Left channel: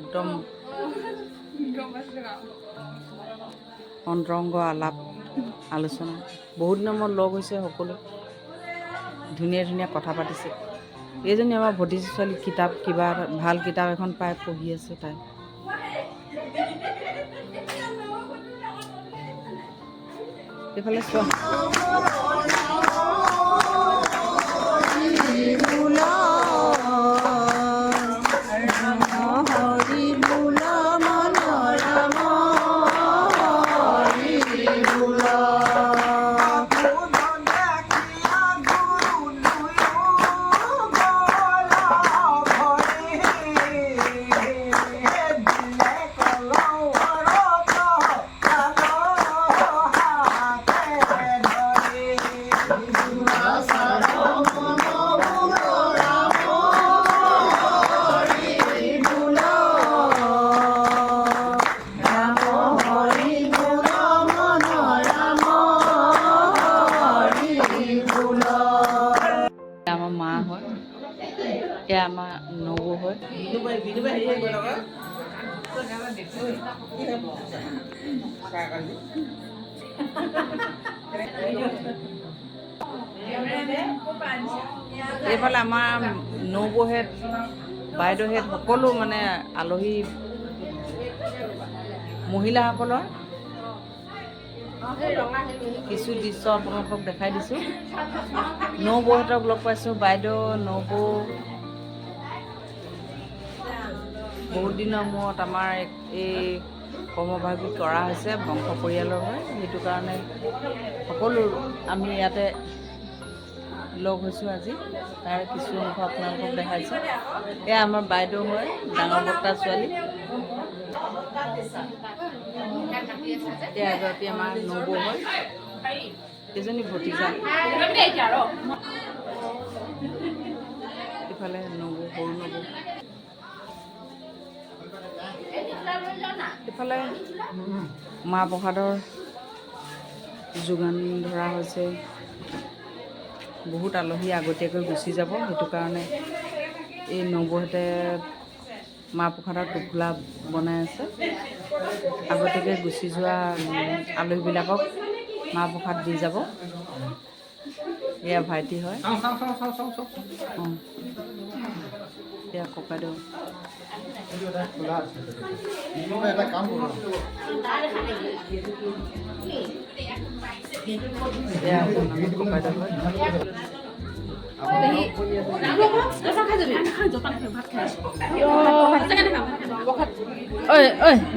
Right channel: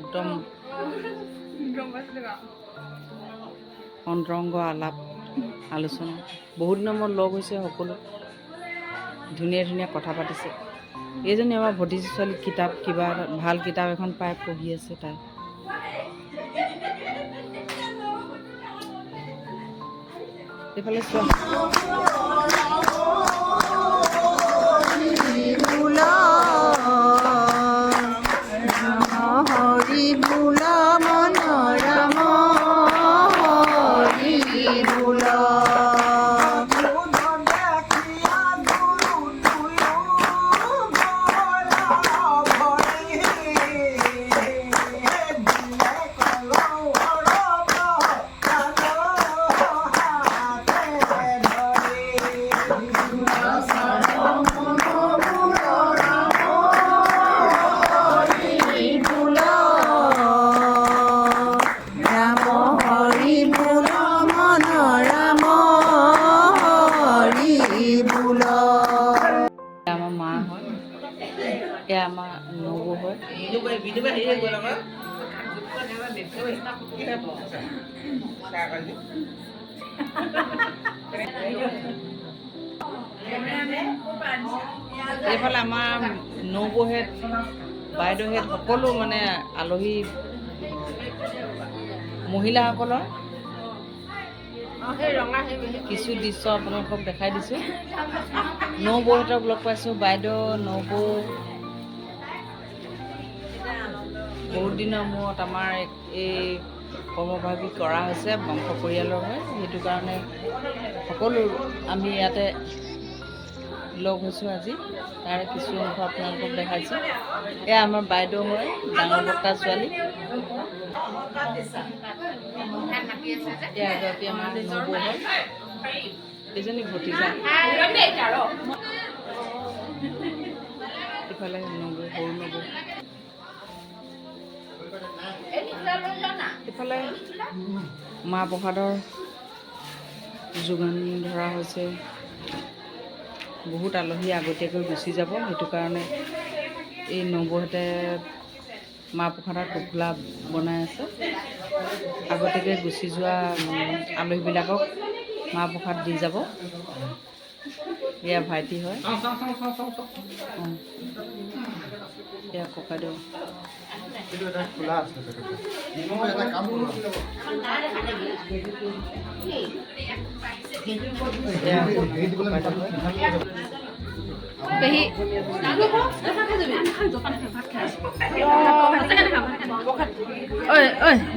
একদম অন্তৰংগ আলাপ আলোচনা বহুত দিনৰ মূৰত লগ হৈছে সকলো ধুনীয়া ধুনীয়া কথা পাতিছে এইজনী আমাৰ ভতিজী ছোৱালী কিতাপ কিবা ভাল কিতাপ এখন পাই পঢ়ি আছে তাই এইফালে চোৱা আমাৰ মা হয় এয়া আমাৰ নবৌ হয় এইফালে আমাৰ নবৌহেঁত বাইদেউহেঁত সকলো মানে আলহী মহিলাসকলৰ কিছু দৃশ্য আপোনালোকক দেখাই দিছোঁ নবৌহেঁতক লগ পাইছোঁ বাইদেউ নবৌ বহুত দিনৰ মূৰত আমাৰ এই কৰ্মভাগী কৰা হৈছে বংশ পৰিয়ালৰ হয় সেইটো কাৰণে সকলো আমি ইয়াতে লগ হৈছোঁ আজি তাৰে কিছু অংশ আপোনালোকক দেখাইছোঁ এয়া আমাৰ বাইদেউ হয় ডাঙৰ বৰ্তা ছোৱালী এয়া এগৰাকী আমাৰ নবৌ হয় এজনী ভতিজা ইফালে নবৌ সৰু নবৌ ইফালে মাহ প্ৰসাদৰ যোগান ধৰা হৈছে বহুত আলহী আগতীয়াকৈ গুচি যাব সেইটো কাৰণে এই নবৌহেঁতে মাহ প্ৰসাদৰ টোপোলা বনাই আছে আগতীয়াকৈ গুচি যোৱা আলহীবিলাকক মাহ প্ৰসাদ দি যাব এয়া ভাইটি হয় এয়া ককাইদেউ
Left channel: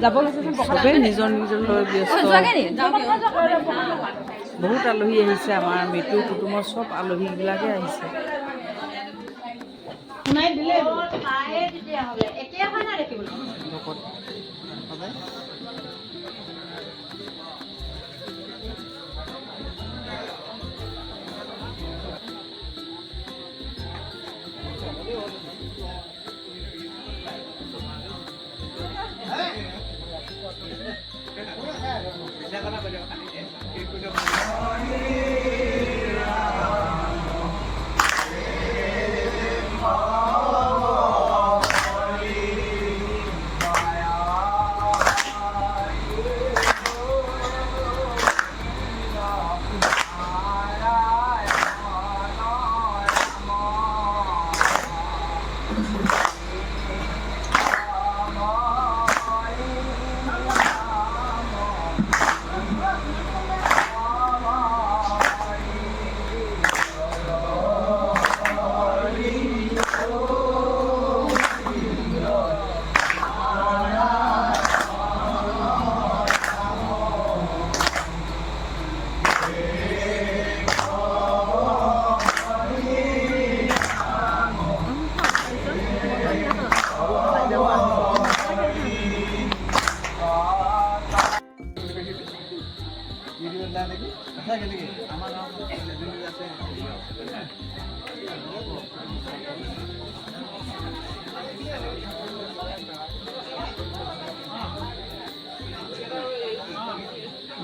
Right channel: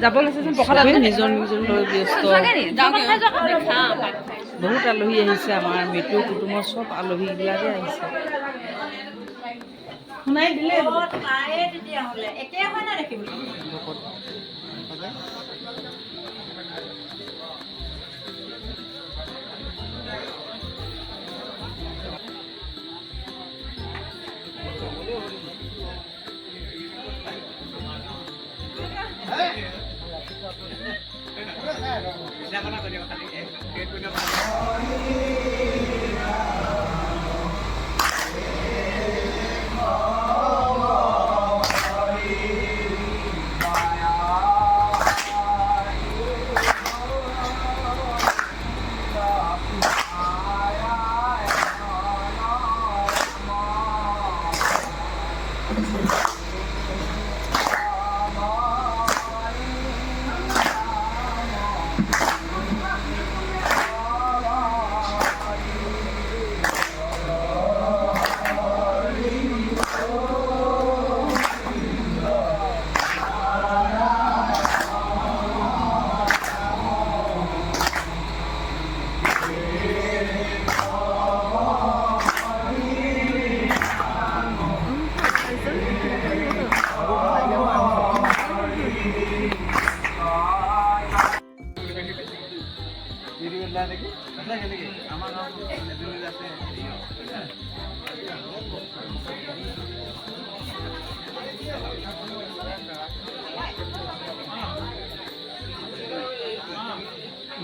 যাব লাগিছে নিজৰ নিজৰ লৈ ব্যস্ত বহুত আলহী আহিছে আমাৰ মৃত্যু কুটুমৰ চব আলহীবিলাকে আহিছে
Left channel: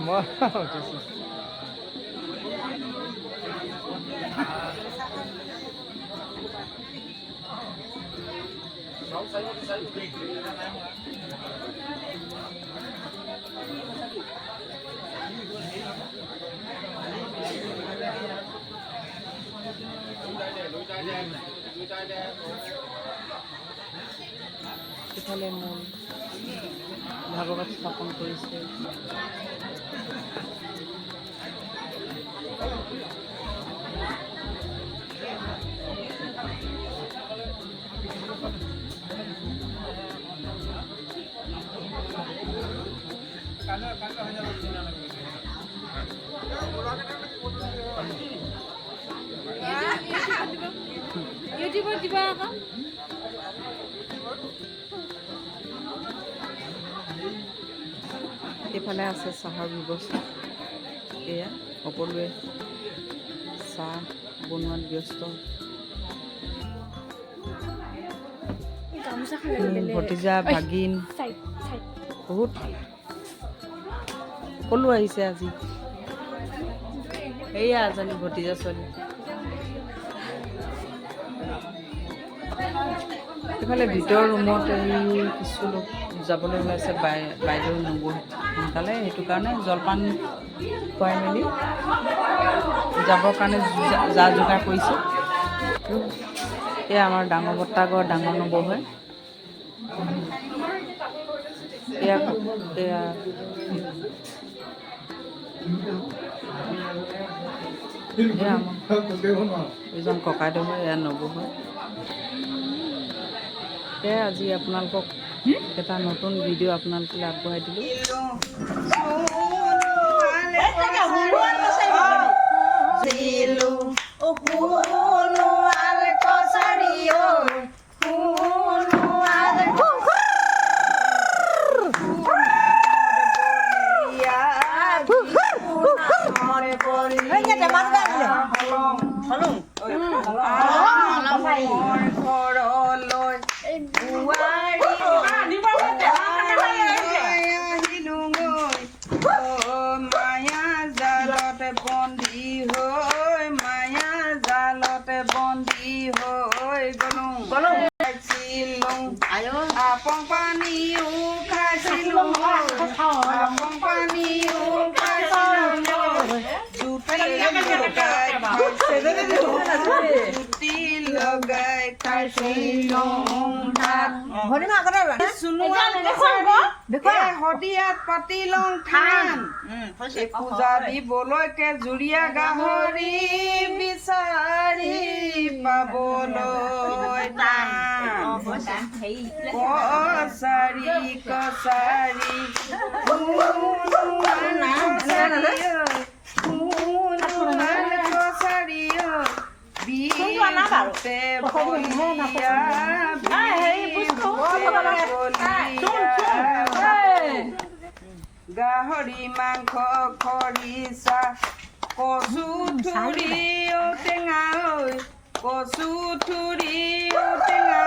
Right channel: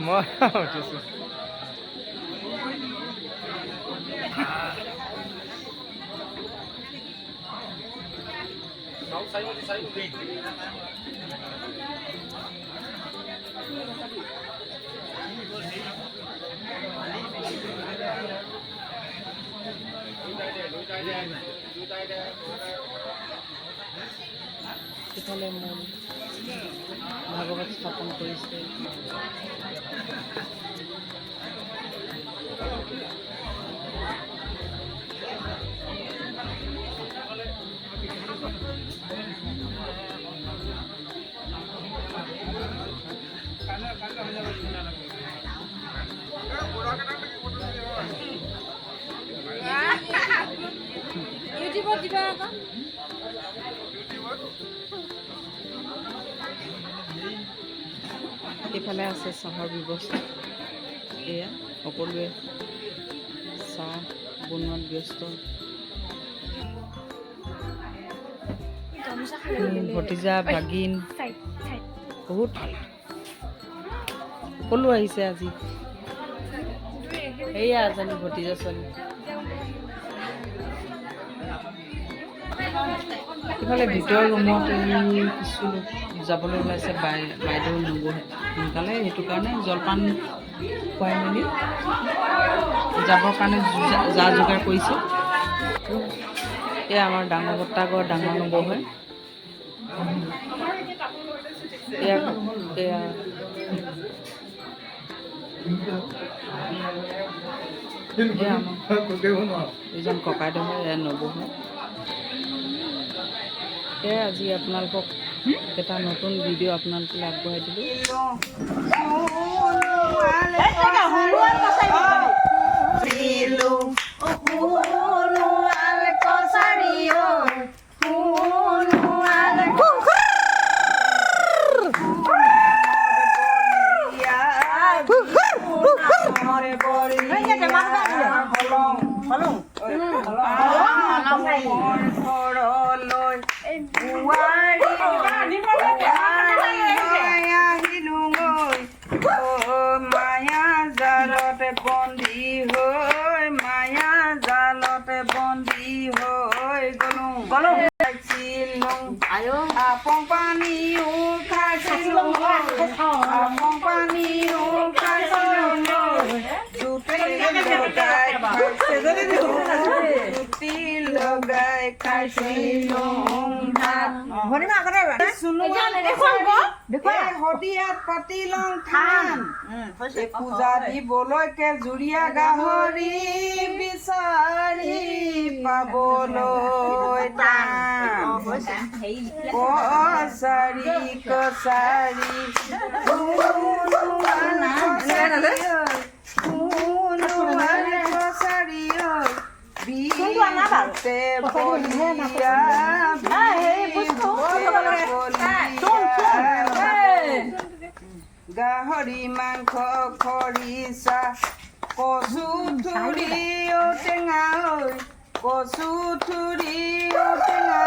মই উঠিছোঁ। ইফালে মূল ভাগৱত স্থাপন কৰিছে। এইফালে আছে চাহৰ ব্যৱস্থা। এয়া সকলোৱে চাহ বনোৱাত ব্যস্ত। ভতিজা ভাগিন বহুত সকলো আহিছে আজি। এয়া এজনী ভতিজা ছোৱালী। ইফালে ভিতৰৰ ৰুমত কিছু লোক যাবলৈ ওলাইছে। বাইদেউ নবহে সোনকালে, সেইটো কাৰণে জলপান খুৱাই মেলি যাবৰ কাৰণে যা যোগাৰ কৰিছে। এয়া আমাৰ ডাঙৰ বৰ্তাকৰ ডাঙৰ নবহে। এয়া এজন ককাইদেউ হয়, এয়া নবৌ হয়। এয়া আজি আপোনালোকক এটা নতুন ভিডিঅ' আপোনালোকলৈ আগবঢ়াই দিলোঁ। Apong pani ukhasilong apong pani ukhasilong juti logai khasilong sunuan kosari hodiat patilong than puja diboloi ke juria gahori bisari paboloi tan kosari kosari kosari binte bolia gahori mangkho khorisa kosu thuri o tenga kosu thuri o tenga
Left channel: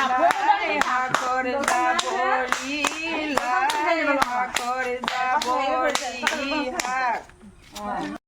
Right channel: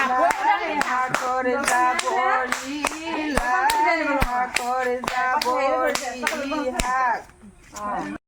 lai hakor dabori lai hakor dabori hak